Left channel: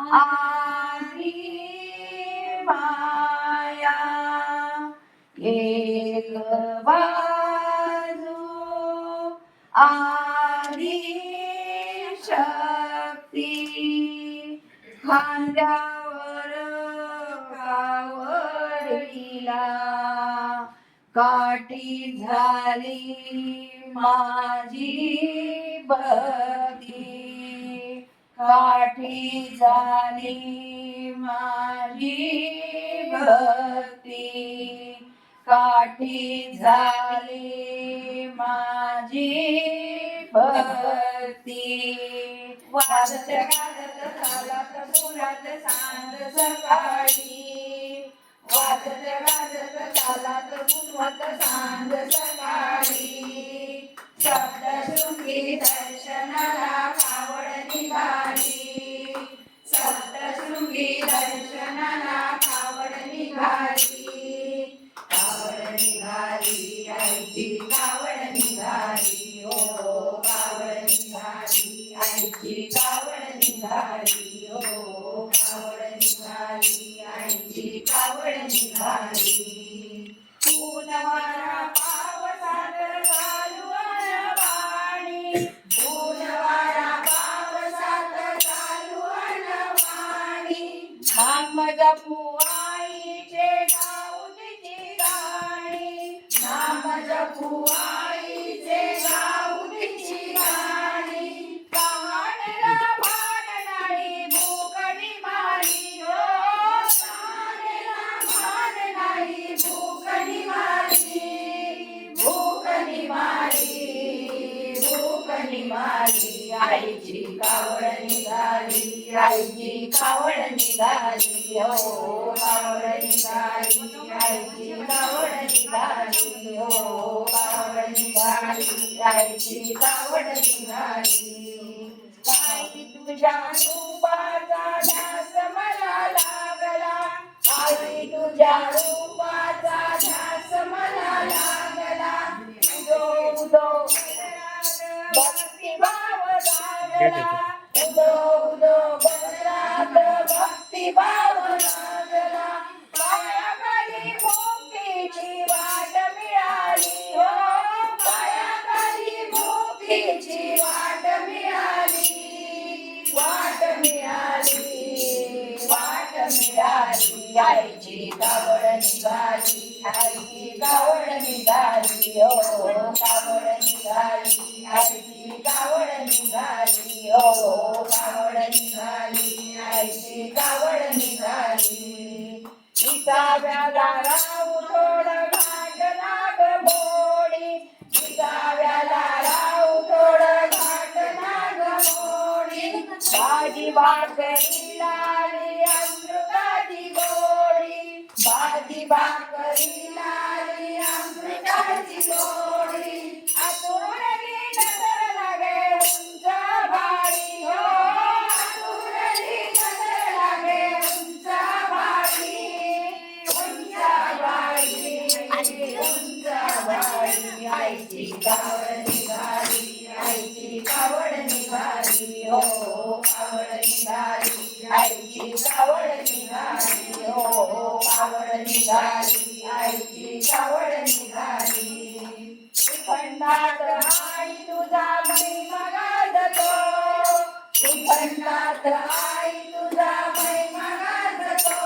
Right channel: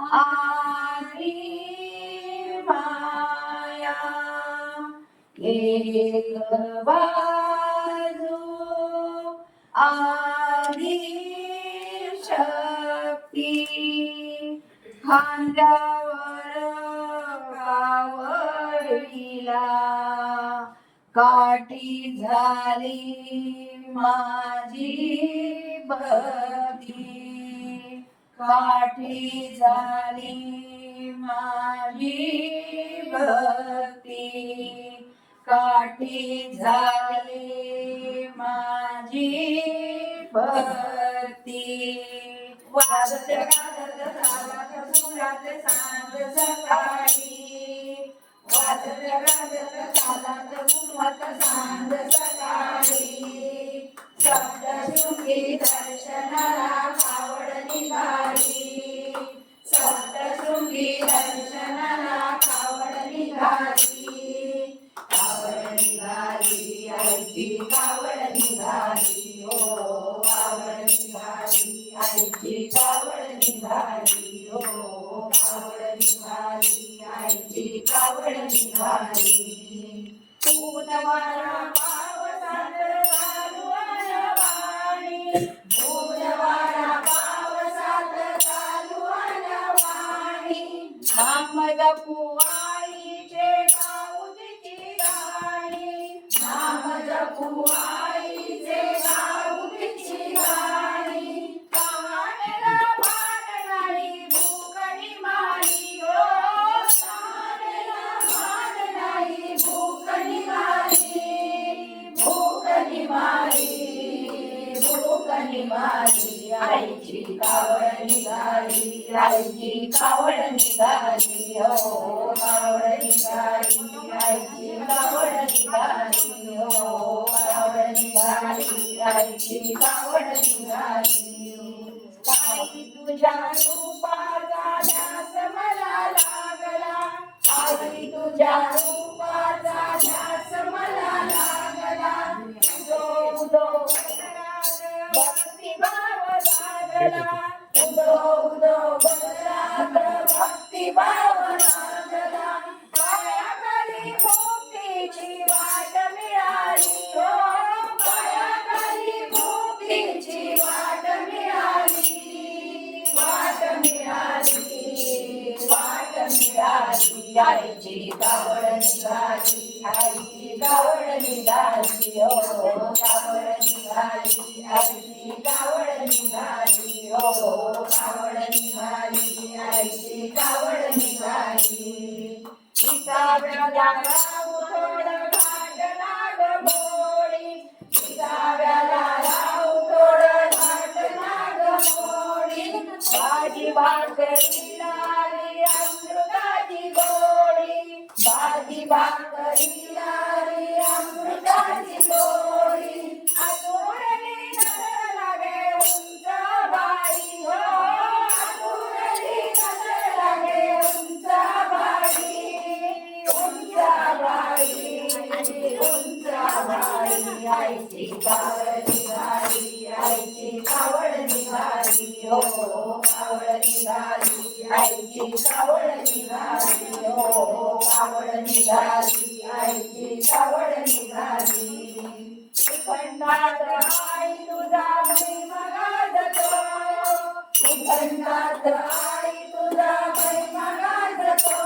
आली माया एक बाजू आली शक्ती खांद्यावर कावडीला काठी झाली माझी भक्ती काठी झाली माझी भक्ती काठी झाली माझी भक्ती वाजत गाजत चालत सुरात सांज सकाळी वाजत गाजत चालत सुरात सांज सकाळी सप्तशृंगी दर्शनाला कावड निघाली सप्तशृंगी दर्शनाला कावड निघाली कावड निघाली आईची कावड निघाली हो कावड निघाली आईची कावड निघाली हो कावड निघाली आईची कावड निघाली पूनवारा पावसात चालू अनवाणी पूनवारा पावसात चालू अनवाणी नाम जपू आईचे गाऊची गाणी नाम जपू आईचे गाऊची गाणी कावडला भान भूक निमाली हो कावडला भान नाही भूक निमाली भूक निमाली भूक निमाली आईची कावड निघाली आईची कावड निघाली हो कावड निघाली आईची कावड निघाली हो कावड निघाली आईची कावड निघाली आई तुझ्या रूपाचा ध्यास मला लागला आई तुझ्या रूपाचा ध्यास मला लागला उदो उदो भक्ती भाव लागला उदो उदो भक्ती भाव लागला पायाखाली मुक्तीची वाट मिळाली हो पायाखाली मुक्तीची वाट मिळाली वाट मिळाली वाट मिळाली आईची कावड निघाली आईची कावड निघाली हो कावड निघाली आईची कावड निघाली हो कावड निघाली आईची कावड निघाली विसाव्या राहू थोडं घाट नाग मोडी विसाव्याला राहू थोडं घाट नाग मोडी भाजी भाकरी लाली अमृताची गोडी भाजी भाकरी लाली अमृताची गोडी आतुरली नजर लागे उंच बाई हो आतुरली नजर लागे उंच बाई उंच बाई आईची कावड निघाली आईची कावड निघाली हो कावड निघाली आईची कावड निघाली हो कावड निघाली आईची कावड निघाली खंडात आई तुझा महिमा गाजतो खंडात आई तुझा महिमा गाजतो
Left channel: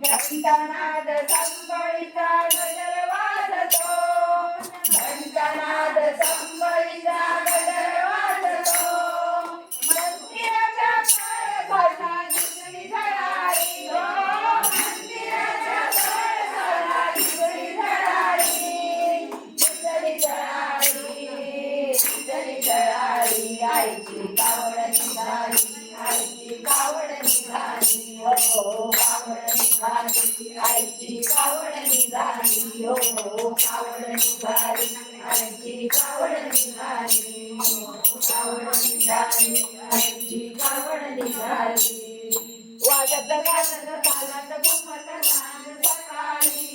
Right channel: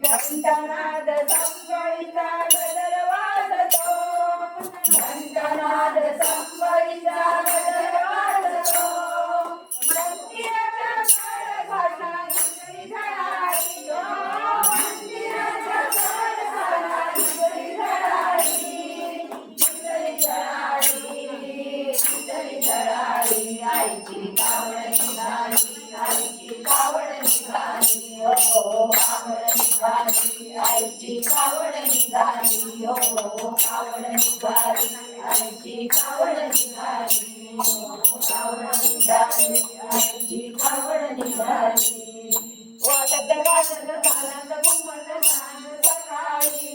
घंटानाद संबळीचा गजर वाजतो घंटानाद संबळीचा गजर वाजतो मंदिराच्या कळसाला जिकडी झळाळी हो मंदिराच्या कळसाला जिकडी झळाळी जिकडी झळाळी जिकडी झळाळी आईची कावड निघाली आईची कावड निघाली हो कावड निघाली आईची कावड निघाली हो कावड निघाली आईची कावड निघाली कावड निघाली आईची कावड निघाली वाजत गाजत तालात घुमत सांज सकाळी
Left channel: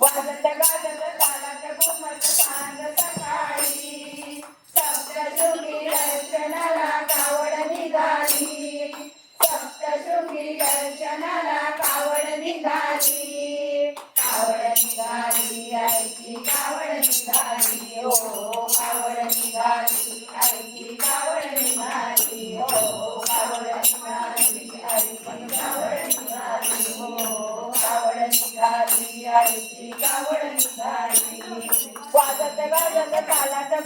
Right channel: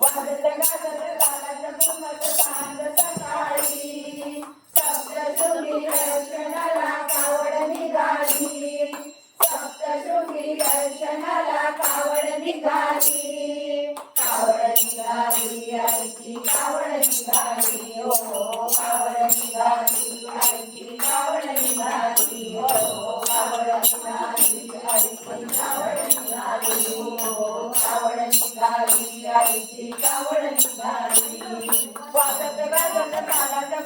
वाजत गाजत तालात घुमत सांज सकाळी सप्तशृंगी दर्शनाला कावड निघाली सप्त निघाली हो कावड निघाली आईची कावड निघाली हो कावड निघाली आईची कावड निघाली हो कावड निघाली आईची कावड निघाली वाजत गाजत चालत